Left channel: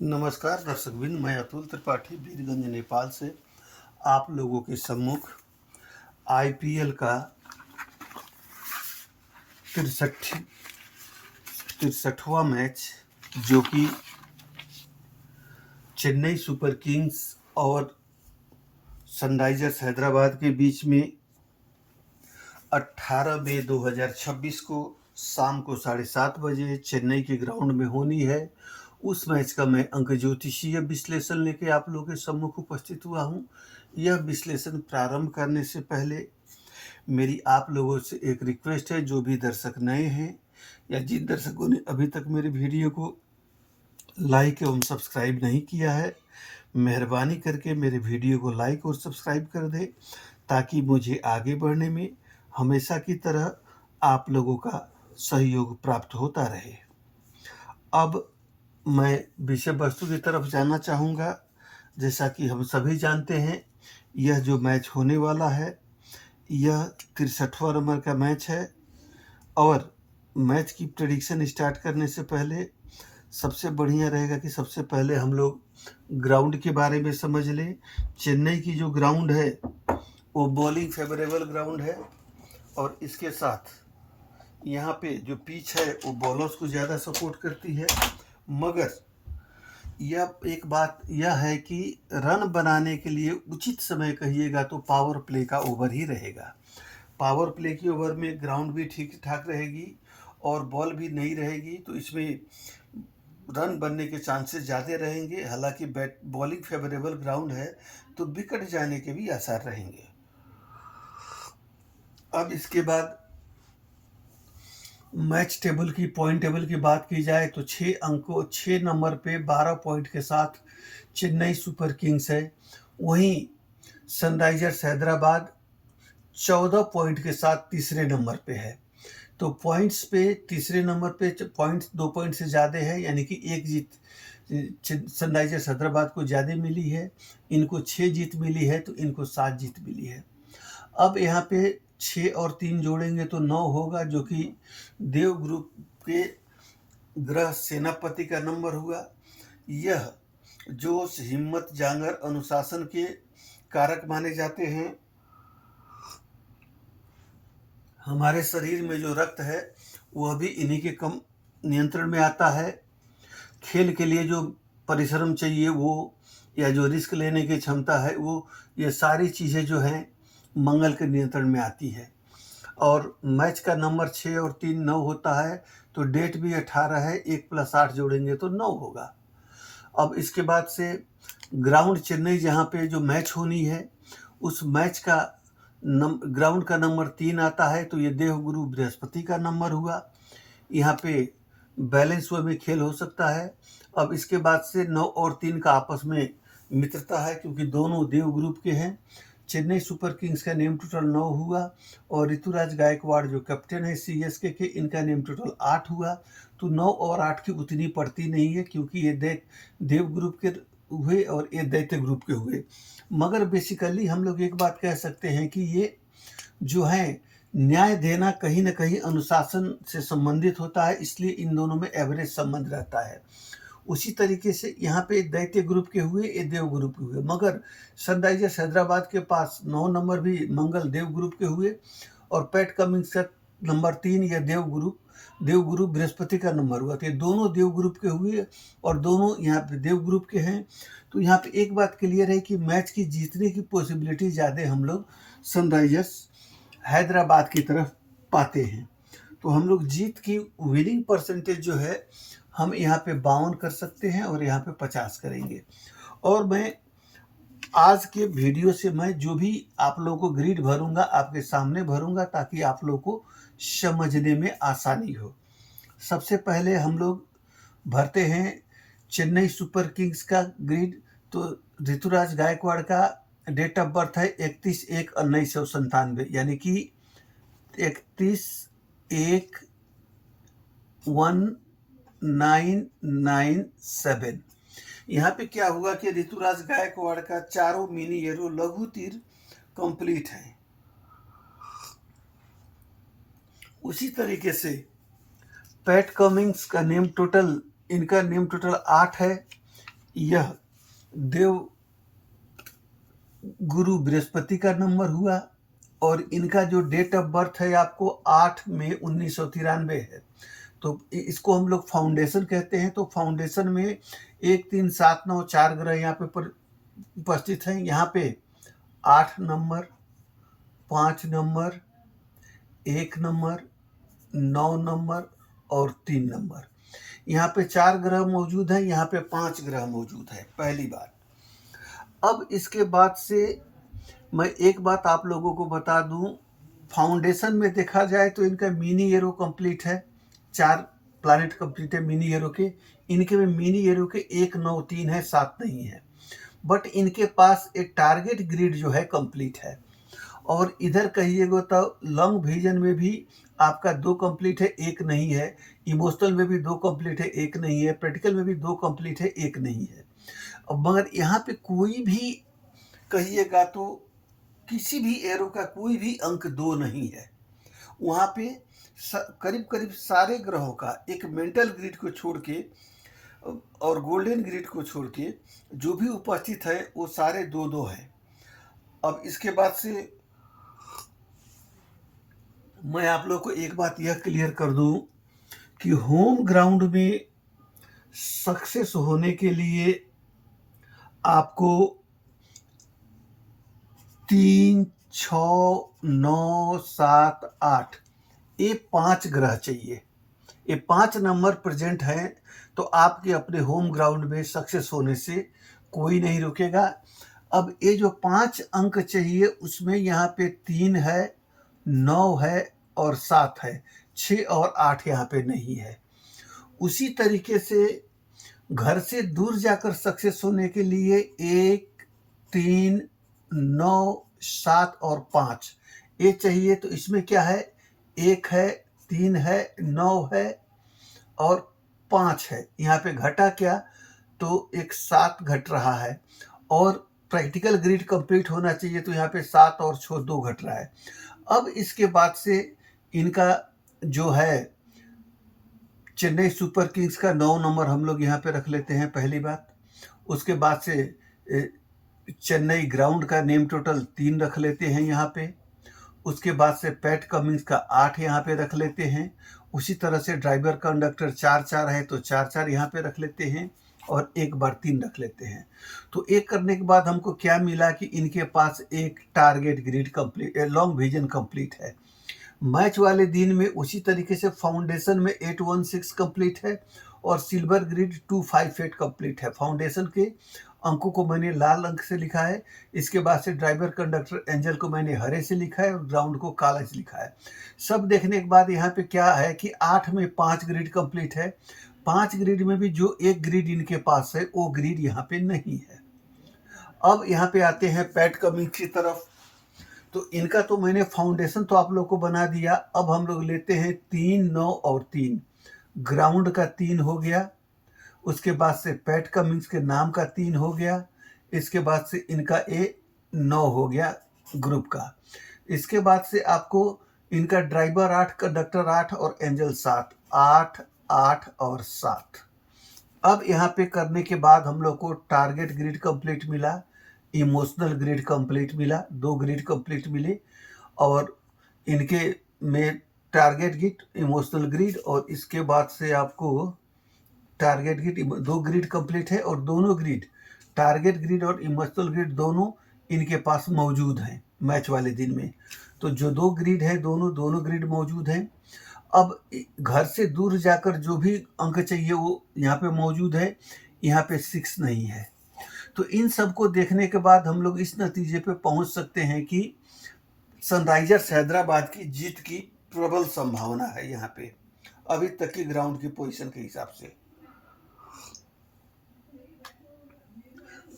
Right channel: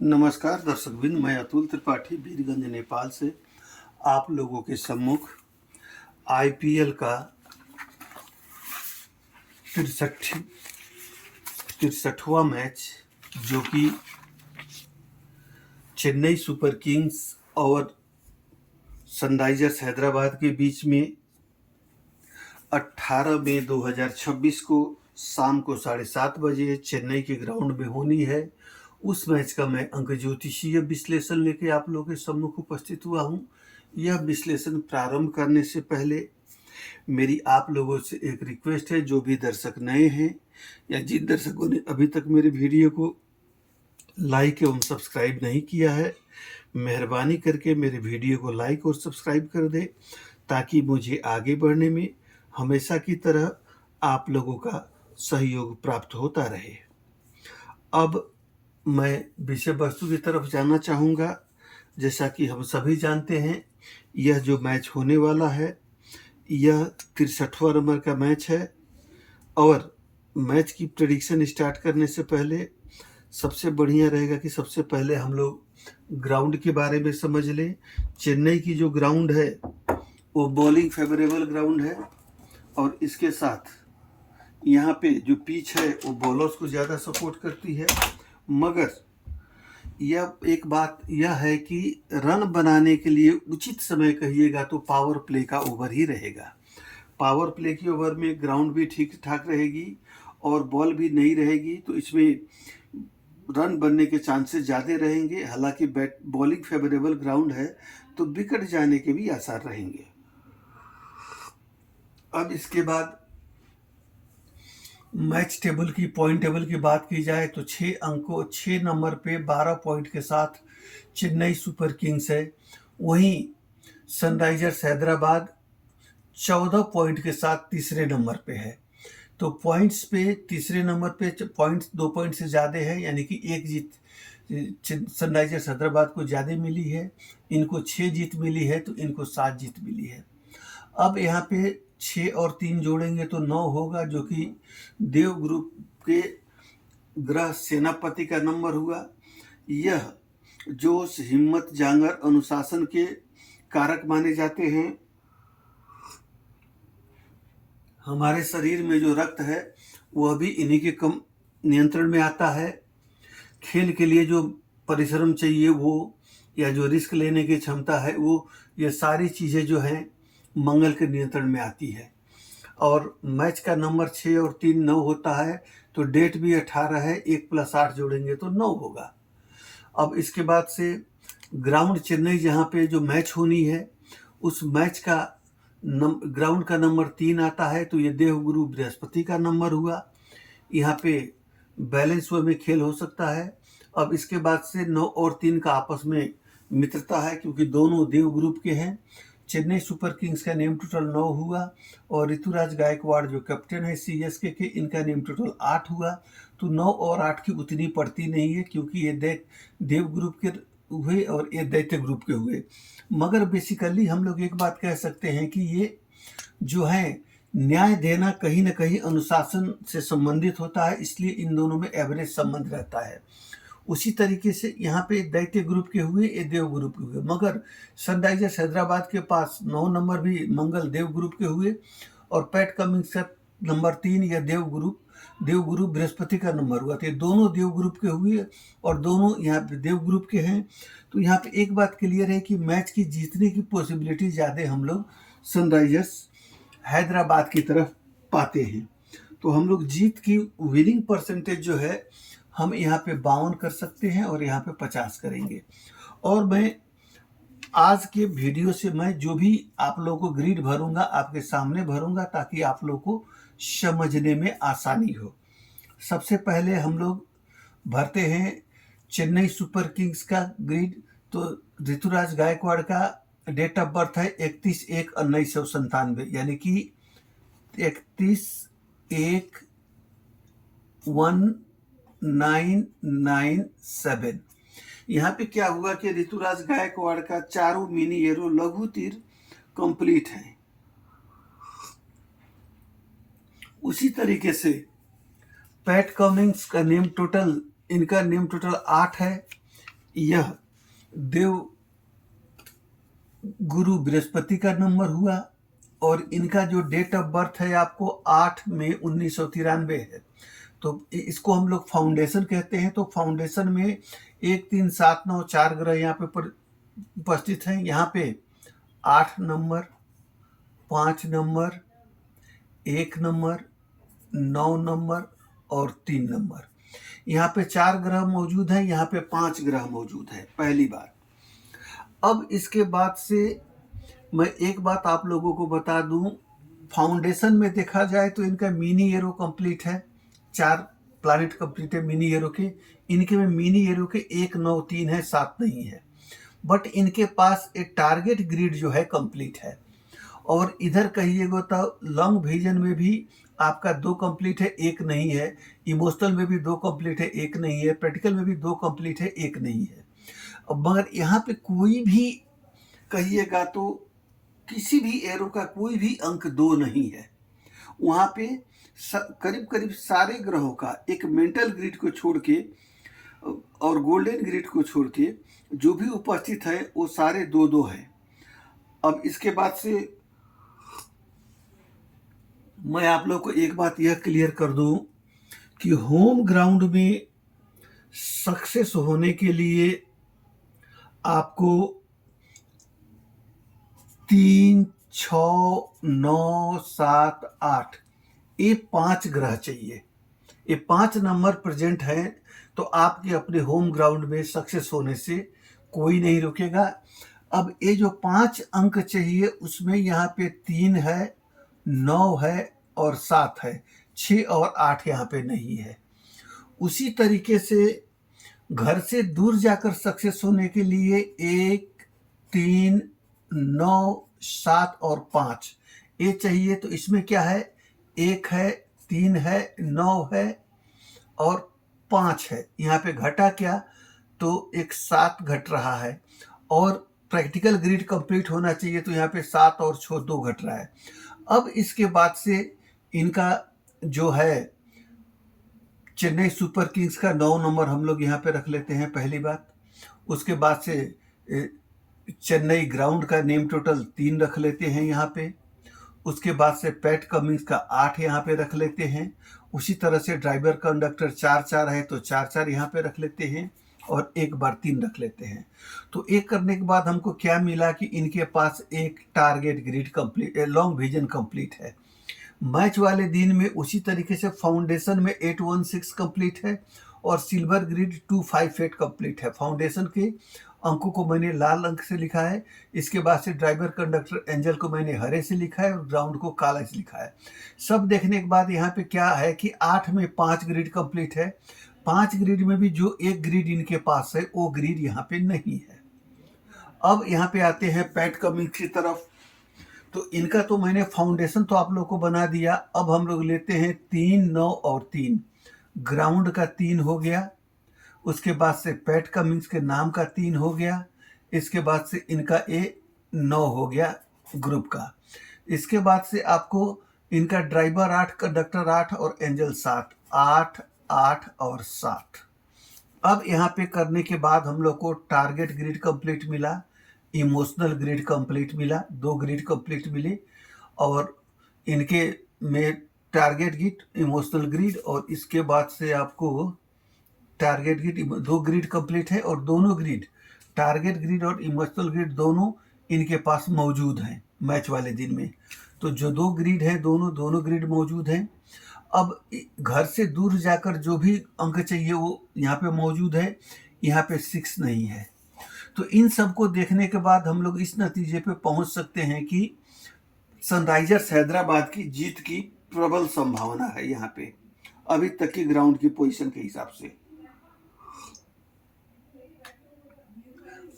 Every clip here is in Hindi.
नमस्कार दर्शकबिन, मैं अतुल त्रिपाठी वीरगंज नेपाल से आप लोगों के सम्मुख आईपीएल का तिरसठवां मैच जो कि चेन्नई सुपर किंग्स और सनराइजर्स हैदराबाद के बीच में 18 मई 2026 को शाम को 7:30 बजे चेन्नई के ग्राउंड में होनी है। उस मैच का मैं अंक ज्योतिषीय विश्लेषण लेके आप लोगों के सम्मुख उपस्थित हुआ हूँ। यह विश्लेषण प्रारंभ करने से पहले मेरी आप लोगों से एक रिक्वेस्ट है, जो भी दर्शक नए हैं या जिन दर्शकों ने अभी तक मेरे वीडियो को लाइक एवं सब्सक्राइब नहीं किया है, मेहरबानी करके मेरे वीडियो को लाइक और सब्सक्राइब कर दे, ताकि मुझे आगे बढ़ने में हमेशा की तरह आप लोगों का सहयोग प्राप्त होता रहे। अब मैं विषय वस्तु की तरफ जाना चाहूँगा। जैसा कि हम सभी जानते हैं, यह जो मैच होने वाला है, यह 63वां नंबर का मैच है। और मैच की प्रेडिक्शन स्टार्ट करने से पहले सबसे बढ़िया रहेगा कि सबसे पहले हम लोग ग्राउंड के बारे में समझ लें। चेन्नई की जो ग्राउंड है वो बॉलिंग फेवरेबल ग्राउंड है, और इसके साथ यहाँ पे जो पिच है वो बॉलर्स को ज़्यादा सपोर्ट करती है। मगर यह एक बात यह है कि रन बनाने के लिए उचित समय कहिएगा तो पावर प्ले का ओवर ही रहेगा। पावर प्ले की ओवर में ग्राउंड भी ठीक ठाक रहेगी और बॉल भी नहीं रहेगी, तो इसमें रन बनने के चांसेस ज़्यादा रहेंगे। हालांकि बॉलिंग फेवरेबल ग्राउंड है तो विकेट जाने के भी आसार रहेंगे। अब इसके बाद मैच टेबल की पॉइंट टेबल की बात की जाए तो 6 नंबर पे 12 पॉइंट के साथ चेन्नई सुपर किंग्स है। वहीं सनराइजर्स हैदराबाद 14 पॉइंट के साथ तीसरे नंबर पे है। तो पॉइंट्स पे तीसरे नंबर पे पॉइंट्स 2 पॉइंट से ज़्यादा है, यानी कि एक जीत सनराइजर्स हैदराबाद को ज़्यादा मिली है। इनको 6 जीत मिली है तो इनको 7 जीत मिली है। अब यहाँ पे 6 और 3 जोड़ेंगे तो 9 होगा, जो कि देव ग्रुप के ग्रह सेनापति का नंबर हुआ। यह जोश, हिम्मत, जांगर, अनुशासन के कारक माने जाते हैं। हमारे शरीर में जो रक्त है वह भी इन्हीं के कम नियंत्रण में आता है। खेल के लिए जो परिश्रम चाहिए वो, या जो रिस्क लेने की क्षमता है वो, ये सारी चीज़ें जो हैं मंगल के नियंत्रण में आती है। और मैच का नंबर 6 और 3 9 होता है, तो डेट भी 18 है। 1 + 8 जोड़ेंगे तो 9 होगा। अब इसके बाद से ग्राउंड चेन्नई जहाँ पे जो मैच होनी है, उस मैच का ग्राउंड का नंबर 3 आता है, तो ये देवगुरु बृहस्पति का नंबर हुआ। यहाँ पे बैलेंस वे में खेल हो सकता है। अब इसके बाद से 9 और 3 का आपस में मित्रता है, क्योंकि दोनों देव ग्रुप के हैं। चेन्नई सुपर किंग्स का नेम टोटल 9 हुआ, और ऋतुराज गायकवाड़ जो कैप्टन है सीएसके के, इनका नेम टोटल 8 हुआ। तो 9 और 8 की उतनी पड़ती नहीं है, क्योंकि ये देव ग्रुप के हुए और ये दैत्य ग्रुप के हुए। मगर बेसिकली हम लोग एक बात कह सकते हैं कि ये जो है न्याय देना कहीं ना कहीं अनुशासन से संबंधित होता है, इसलिए इन दोनों में एवरेज संबंध रहता है। उसी तरीके से यहाँ पे दैत्य ग्रुप के हुए, ये देव ग्रुप के हुए। मगर सनराइजर्स हैदराबाद के पास 9 नंबर भी मंगल देव ग्रुप के हुए, और पैट कमिंग्स का नंबर 3 या देव गुरु बृहस्पति का नंबर हुआ। तो ये दोनों देव ग्रुप के हुए और दोनों यहाँ पे देव ग्रुप के हैं। तो यहाँ पे एक बात क्लियर है कि मैच की जीतने की पॉसिबिलिटी ज़्यादा हम लोग सनराइजर्स हैदराबाद की तरफ पाते हैं। तो हम लोग जीत की विनिंग परसेंटेज जो है हम यहाँ पे 52 कर सकते हैं, और यहाँ पे 50 करेंगे। और मैं आज के वीडियो से मैं जो भी आप लोगों को ग्रिड भरूंगा आपके सामने भरूंगा, ताकि आप लोगों को समझने में आसानी हो। सबसे पहले हम लोग भरते हैं चेन्नई सुपर किंग्स का ग्रिड। तो ऋतुराज गायकवाड़ का डेट ऑफ बर्थ है 31/1/1997, यानी कि 31/1/1997। यहाँ पे क्या हुआ कि ऋतुराज गायकवाड़ का चारों मिनी एरो लघु तीर कंप्लीट है। उसी तरीके से पैट कमिंग्स का नेम टोटल, इनका नेम टोटल 8 है। यह देव गुरु बृहस्पति का नंबर हुआ और इनका जो डेट ऑफ बर्थ है आपको 8 मई 1993 है। तो इसको हम लोग फाउंडेशन कहते हैं। तो फाउंडेशन में 1 3 7 9 4 ग्रह यहाँ पे उपस्थित हैं। यहाँ पे 8 नंबर, 5 नंबर, 1 नंबर, 9 नंबर और 3 नंबर। यहाँ पे 4 ग्रह मौजूद हैं, यहाँ पे 5 ग्रह मौजूद है पहली बार। अब इसके बाद से मैं एक बात आप लोगों को बता दूं, फाउंडेशन में देखा जाए तो इनका मिनी एरो कंप्लीट है, 4 प्लैनेट कंप्लीट है मिनी एरो के। इनके में मिनी एरो के 1 9 3 है, 7 नहीं है। बट इनके पास एक टारगेट ग्रिड जो है कंप्लीट है। और इधर कहिएगा तो लॉन्ग विजन में भी आपका 2 कंप्लीट है, 1 नहीं है। इमोशनल में भी 2 कंप्लीट है, 1 नहीं है। प्रैक्टिकल में भी 2 कंप्लीट है, 1 नहीं है। मगर यहाँ पे कोई भी कहिएगा तो किसी भी एरो का कोई भी अंक 2 नहीं है। वहाँ पे करीब करीब सारे ग्रहों का एक मेंटल ग्रिड को छोड़ के और गोल्डन ग्रिड को छोड़ के जो भी उपस्थित है वो सारे 2-2 हैं। अब इसके बाद से मैं आप लोग को एक बात यह क्लियर कर दूं कि होम ग्राउंड में सक्सेस होने के लिए आपको 3 6 9 7 8 ये 5 ग्रह चाहिए। ये 5 नंबर प्रेजेंट हैं तो आपके अपने होम ग्राउंड में सक्सेस होने से कोई नहीं रुकेगा। अब ये जो 5 अंक चाहिए उसमें यहाँ पे 3 है, 9 है और 7 है। 6 और 8 यहाँ पे नहीं है। उसी तरीके से घर से दूर जाकर सक्सेस होने के लिए 1 3 9 7 और 5 ये चाहिए। तो इसमें क्या है, 1 है, 3 है, 9 है और 5 है। यहाँ पे घटा क्या, तो एक 7 घट रहा है। और प्रैक्टिकल ग्रिड कंप्लीट होना चाहिए तो यहाँ पे 7 और 6 2 घट रहा है। अब इसके बाद से इनका जो है चेन्नई सुपर किंग्स का 9 नंबर हम लोग यहाँ पे रख लेते हैं पहली बात। उसके बाद से चेन्नई ग्राउंड का नेम टोटल 3 रख लेते हैं यहाँ पे। उसके बाद से पैट कमिंस का 8 यहाँ पे रख लेते हैं। उसी तरह से ड्राइवर कंडक्टर 4-4 है तो 4-4 यहाँ पे रख लेते हैं और एक बार 3 रख लेते हैं। तो एक करने के बाद हमको क्या मिला कि इनके पास एक target grid complete, long vision complete है। मैच वाले दिन में उसी तरीके से फाउंडेशन में 816 कंप्लीट है और सिल्वर ग्रिड 258 कंप्लीट है। फाउंडेशन के अंकों को मैंने लाल अंक से लिखा है। इसके बाद से ड्राइवर कंडक्टर एंजल को मैंने हरे से लिखा है और ग्राउंड को काला से लिखा है। सब देखने के बाद यहाँ पे क्या है कि 8 में 5 ग्रिड कंप्लीट है। 5 ग्रिड में भी जो एक ग्रिड इनके पास है वो ग्रिड यहाँ पे नहीं है। अब यहाँ पे आते हैं पैट कमिंस की तरफ। तो इनका तो मैंने फाउंडेशन तो आप लोग को बना दिया। अब हम लोग लेते हैं 3 9 और 3। ग्राउंड का 3 हो गया। उसके बाद से पैट कमिंस के नाम का 3 हो गया। इसके बाद से इनका 9 हो गया ग्रुप का। इसके बाद से आपको इनका ड्राइवर 8, कंडक्टर 8 और एंजल 7, 8 8 और 7। अब यहाँ पे करने के बाद हम लोग को टारगेट ग्रिड कंप्लीट मिला, इमोशनल ग्रिड कंप्लीट मिला, 2 ग्रिड कंप्लीट मिले। और इनके में टारगेट ग्रिड, इमोशनल ग्रिड और इसके बाद से आपको टारगेट ग्रिड 2 ग्रिड कंप्लीट है। और दोनों ग्रिड, टारगेट ग्रिड और इमोशनल ग्रिड दोनों इनके पास मौजूद हैं मैच वाले दिन में। तो जो 2 ग्रिड है दोनों ग्रिड मौजूद हैं। अब घर से दूर जाकर जो भी अंक चाहिए वो यहाँ पे मौजूद है। यहाँ पे 6 नहीं है। तो इन सब को देखने के बाद हम लोग इस नतीजे पे पहुंच सकते हैं कि सनराइजर्स हैदराबाद की जीत की प्रबल संभावना है यहाँ पे अभी तक की ग्राउंड की पोजीशन के हिसाब से।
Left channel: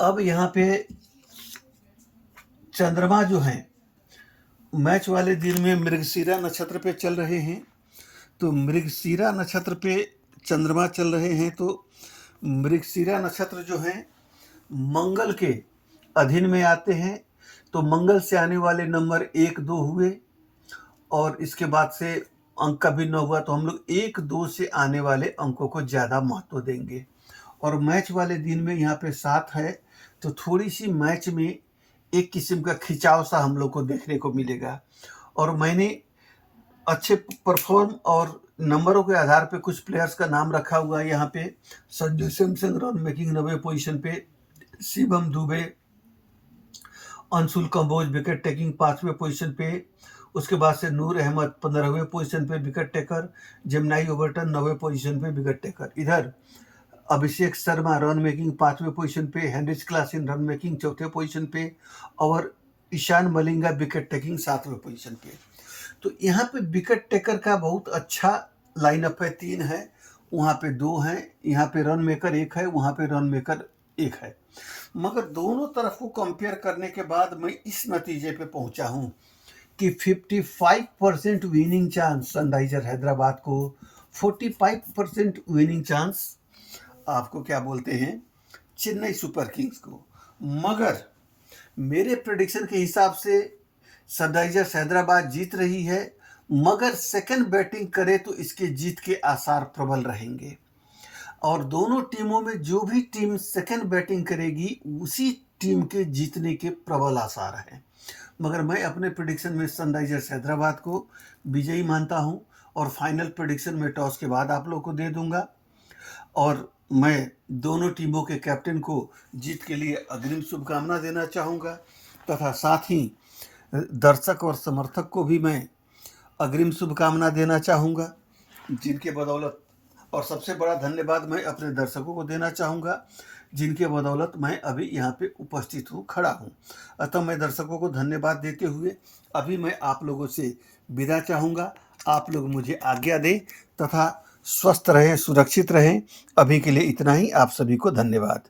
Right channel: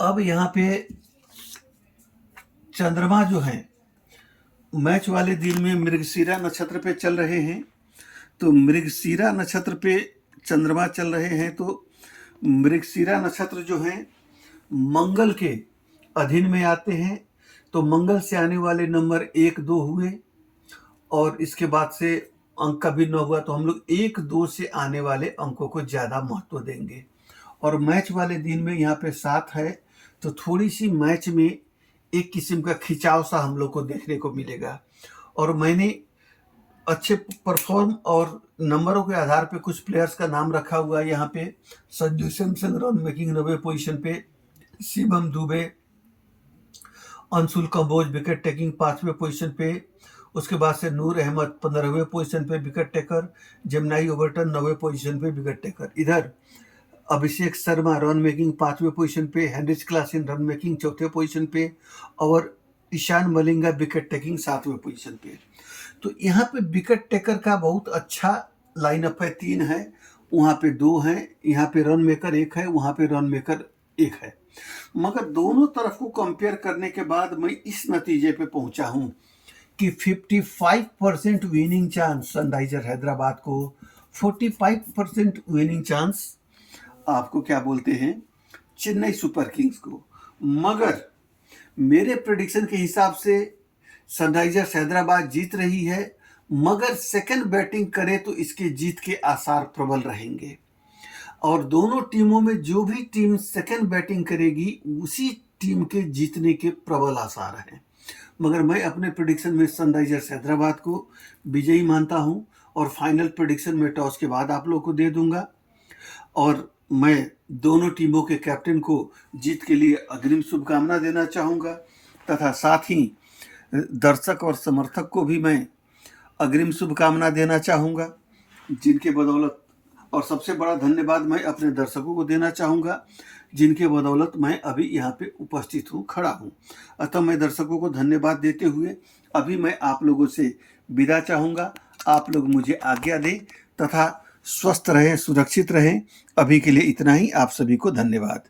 अब यहाँ पे चंद्रमा जो है मैच वाले दिन में मृगशिरा नक्षत्र पे चल रहे हैं। तो मृगशिरा नक्षत्र पे चंद्रमा चल रहे हैं। तो मृगशिरा नक्षत्र जो है मंगल के अधीन में आते हैं। तो मंगल से आने वाले नंबर 1 2 हुए और इसके बाद से अंक का भी 9 हुआ। तो हम लोग 1 2 से आने वाले अंकों को ज़्यादा महत्व देंगे। और मैच वाले दिन में यहाँ पे 7 है, तो थोड़ी सी मैच में एक किस्म का खिंचाव सा हम लोग को देखने को मिलेगा। और मैंने अच्छे परफॉर्म और नंबरों के आधार पे कुछ प्लेयर्स का नाम रखा हुआ है यहाँ पे। Sanju Samson run making 90 position पे, शिवम दुबे, अंशुल कंबोज विकेट टेकिंग 5वें पोजीशन पे, उसके बाद से नूर अहमद 15वें पोजीशन पे विकेट टेकर, जेमनाई ओवर्टन 9वें पोजीशन पे विकेट टेकर। इधर अभिषेक शर्मा रन मेकिंग 5वें पोजीशन पे, हेनरिच क्लासन रन मेकिंग 4थे पोजीशन पे, और ईशान मलिंगा विकेट टेकिंग 7वें पोजीशन पे। तो यहाँ पे विकेट टेकर का बहुत अच्छा लाइनअप है, 3 है, वहाँ पे 2 हैं, यहाँ पे रन मेकर 1 है, वहाँ पे रन मेकर 1 है। मगर दोनों तरफ को कंपेयर करने के बाद मैं इस नतीजे पे पहुंचा हूं कि 55% विनिंग चांस सनराइजर हैदराबाद को, 45% विनिंग चांस आपको क्या बोलते हैं चेन्नई सुपर किंग्स को। मगर मेरे प्रेडिक्शन के हिसाब से सनराइजर्स हैदराबाद जीत रही है, मगर सेकंड बैटिंग करे तो इसके जीत के आसार प्रबल रहेंगे। और दोनों टीमों में जो भी टीम सेकंड बैटिंग करेगी उसी टीम के जीतने के प्रबल आसार हैं। मगर मैं अपने प्रेडिक्शन में सनराइजर्स हैदराबाद को विजयी मानता हूं, और फाइनल प्रेडिक्शन में टॉस के बाद आप लोगों को दे दूंगा। और मैं दोनों टीमों के कैप्टन को जीत के लिए अग्रिम शुभकामना देना चाहूँगा, तथा साथ ही दर्शक और समर्थक को भी मैं अग्रिम शुभकामना देना चाहूँगा, जिनके बदौलत, और सबसे बड़ा धन्यवाद मैं अपने दर्शकों को देना चाहूँगा जिनके बदौलत मैं अभी यहाँ पे उपस्थित हूँ, खड़ा हूँ। अतः मैं दर्शकों को धन्यवाद देते हुए अभी मैं आप लोगों से विदा चाहूँगा। आप लोग मुझे आज्ञा दें तथा स्वस्थ रहें, सुरक्षित रहें। अभी के लिए इतना ही। आप सभी को धन्यवाद।